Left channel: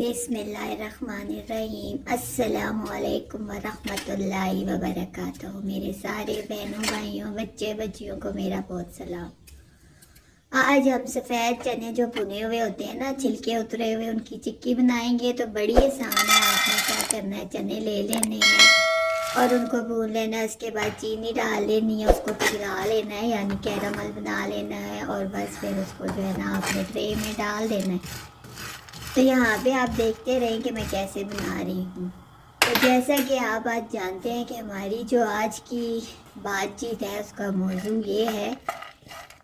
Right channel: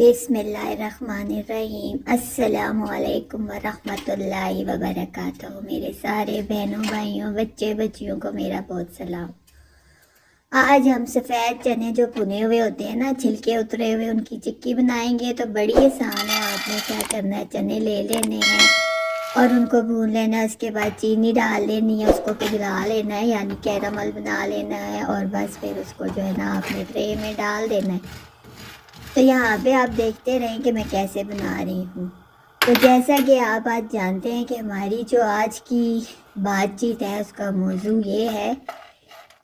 बिस्मिल्लाहिर्रहमानिर्रहीम। अस्सलामु अलैकुम वरहमतुल्लाहि वबरकातुहू। मेरे सारे बहनों भाइयों बच्चे बच्चियों को मेरा बहुत सलाम। आज हम सफ़ेद चने जो भुने हुए होते हैं ना, छिलके उतरे हुए, उनकी चिक्की बनाएंगे। तो बड़ी आसान है। आपने क्या करना है, चने ले लेने हैं और उनको भून लेना है। उसके बाद चीनी डाल लेनी है, उसको पिघला लेना है, यानी कैरामल बना लेना है। और बस फिर उसको जो है ना आपने ट्रे में डाल देना है। तो यहाँ पे आप देखते रहें कि मैं कैसे बना रही हूँ। तो जैसा कि आप आज जानते हैं कि हमारी जो आज की बातचीत है उसका मौजू ये है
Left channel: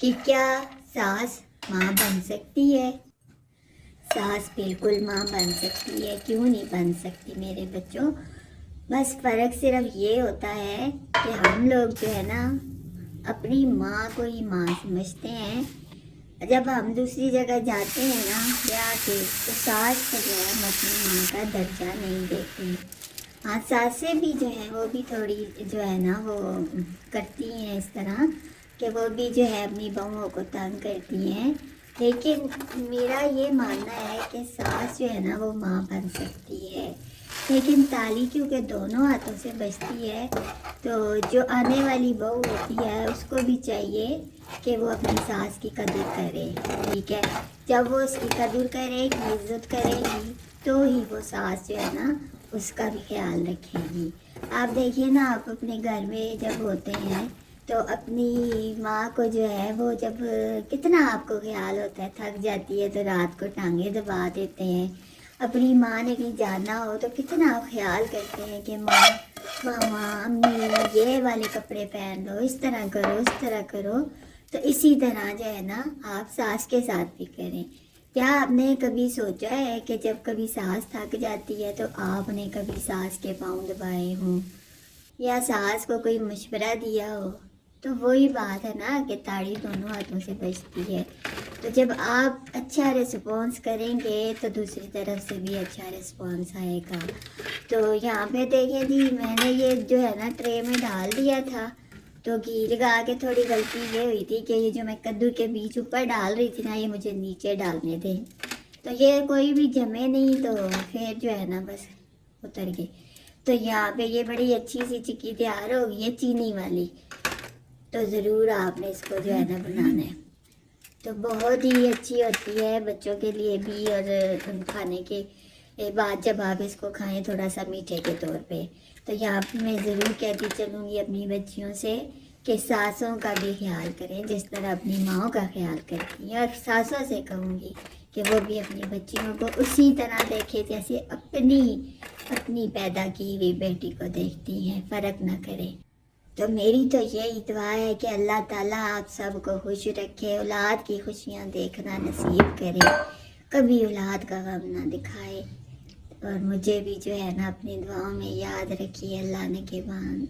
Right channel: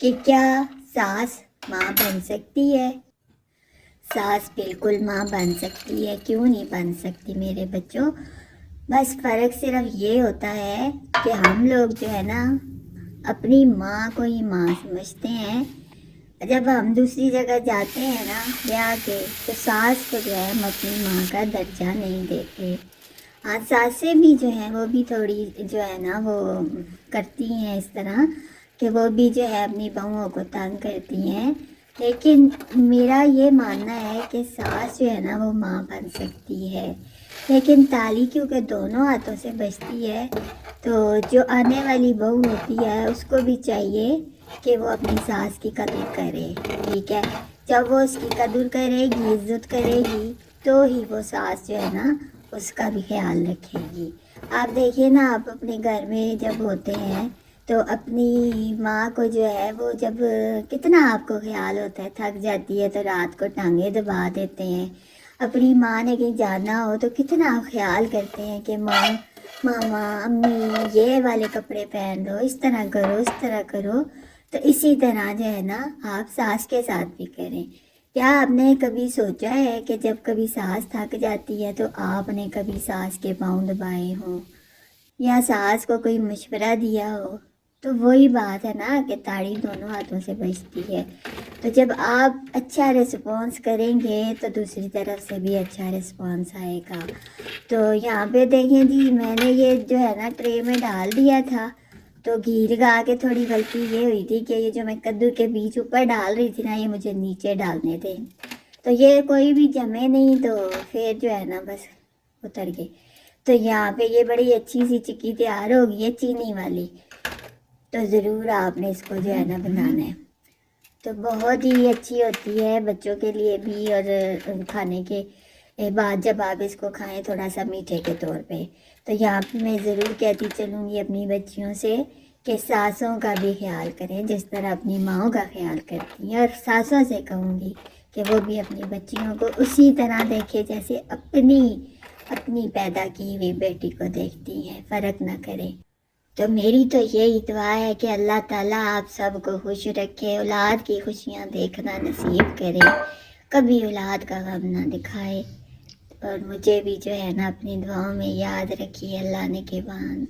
कि क्या सास माँ बन सकती है। सास बिल्कुल माँ बन सकती है, क्यों नहीं बन सकती मेरे बच्चों। बस फ़र्क सिर्फ ये होता है कि हम लोग जो है ना अपनी माँ को ही माँ समझते हैं। जब हम दूसरी जगह जाते हैं ना ब्याह के, तो सास को जो है हम अपनी माँ का दर्जा नहीं देते। हाँ, सासें भी जो हैं वो भी थोड़ी जो है ना वो करती हैं इस तरह कि वो भी जो है अपनी बहुओं को तंग करती हैं। लेकिन मेरा ये मानना है कि सास जो है ना वो माँ बन सकती है, लेकिन ताली क्योंकि दोनों हाथों से बजती है। तो जो आने वाली बहू होती है उसको भी चाहिए कि वो अपनी सास की कदर करे, ठीक है। जब वो उसकी कदर करेगी, इज्जत करेगी, तो ही वो सास जो है ना उसका भी ख्याल रखेगी। आप देखिए ना, आप अपने घर में जब होते हैं तो अपनी माँ को जो है वो जब कितना आपको ख्याल होता है, थक जाती है तो रात को टांगे दबा देते हैं। अपनी माँ ने कहीं जाना हो तो कितना आप ख्याल करते हैं कि माँ मामा अम्मी ये वाले कपड़े पहन लो, इस तरह करो, इस तरह करो। तो इसी तरह जो है ना आप सास के साथ भी करें। क्या आपने कभी सोचा है कि जब कभी सास थक जाती है तो आपने कभी सास के पाँव दबाए हों या सास को कोई मशवरा दिया हो। तो वही बात है ना कि ताड़ी दोनों हाथों से बजती है। तो जब आप अच्छा रिस्पॉन्स करेंगे तो दूसरी तरफ से भी अच्छा रिस्पॉन्स आएगा। तो यहाँ पे देखें जी, मैंने ये जो है ना ट्रे में डाल दिया था। तो घी लगा के थोड़ी गलती ये हुई थी कि ये जो मैं कद्दू के बीज ऊपर डाल रही थी ना, ये मुझे नीचे डालने थे। तो ये कोई भी जमे नहीं, तो फिर जो है ना बस उतर गए। तो यहाँ पे ये बड़ी अच्छी सी चिक्की तैयार होगी है, चीनी वाली। तो ज़रूर आपने इसको जो है ना बनाना है। तो बहुत ही अच्छी होती है बच्चों के लिए भी, और खाने के बाद जब आप इसको खाएं थोड़ा सा मीठे के तौर पे। तो यहाँ पे मैं ज़रूर कहती चलूँगी अपनी बच्चियों से कि सासों का भी ख्याल करें जिस तरह अपनी माँओं का ख्याल करती हैं। और सासों से कहूँगी कि वो भी अपनी बच्चियों को उसी तरह देखें जैसे अपनी पैदा की हुई बेटी को देखती हैं, फ़र्क ना करें। तो मेरी तो यही दुआ है कि अल्लाह ताला आप सबको खुश रखे, औलाद की खुशियाँ देखना नसीब करे, कभी औलाद का गम ना दिखाए। और मुझे भी जो है ना अपनी दुआओं में याद रखिए। अल्लाह ने के बाद